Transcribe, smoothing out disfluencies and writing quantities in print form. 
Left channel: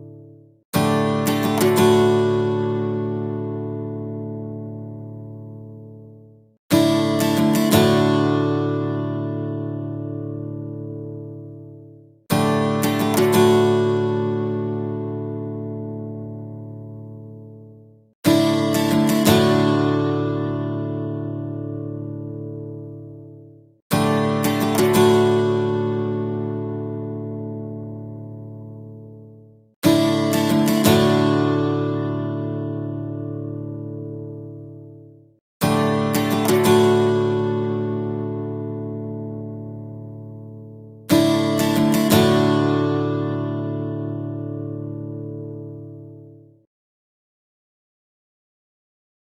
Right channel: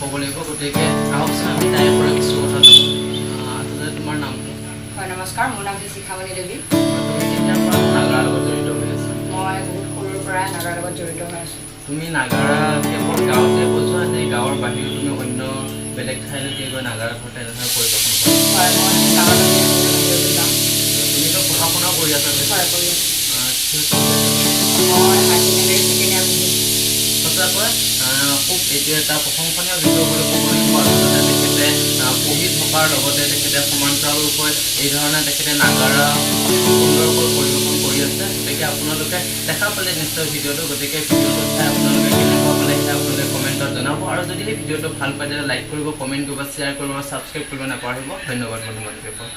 ক'ব লাগিব গতিকে আহকচোন আমি তাৰে পৰা কিছু কথা জানো। তোমাৰ নামটো? হয়, নমস্কাৰ, মোৰ নাম শিখামণি দেৱী। নাগাৰ লগত জড়িত হৈ আছা? মই বহুত সৰুৰ পৰাই নাগাৰ লগত জড়িত হৈ আছোঁ। তুমি নাগাৰা কেৱল গাঁৱতে কৈছা নে গাঁৱৰ বাহিৰেও তুমি অন্য বেলেগ ঠাইলৈকে গৈ নাগাৰা সৈতে এনেধৰণে পৰিদৰ্শন কৰা? হয়, মই গাঁৱত তুমিতো পঢ়া শুনাও কৰি আছা যে? হয়, কৰি আছোঁ। সঁচাকৈ খুব এইটো এটা প্ৰশংসনীয় বিষয় বুলি ক'ব লাগিব। তেখেতে পঢ়ি থকাৰ লগতে তেখেতে সমান্তৰালৰূপে এই ধৰণে তেখেতে নাগাৰা সুন্দৰকৈ পৰিৱেশন কৰি আছে। গতিকে আপোনালোকে দেখা পালে নিশ্চয় ভিডিঅ'টো, গতিকে ভিডিঅ'টো চাই আপোনালোকে কেনেকুৱা পালে আপোনালোকে কমেণ্টত জনাব। আৰু যদি এই ভিডিঅ'টো ভাল পায় তেতিয়া লাইক কৰিব, কমেণ্ট কৰিব, শ্বেয়াৰ কৰিব আৰু ছাবস্ক্ৰাইব কৰিব নাপাহৰিব। ধন্যবাদ বন্ধু বান্ধৱীসকল।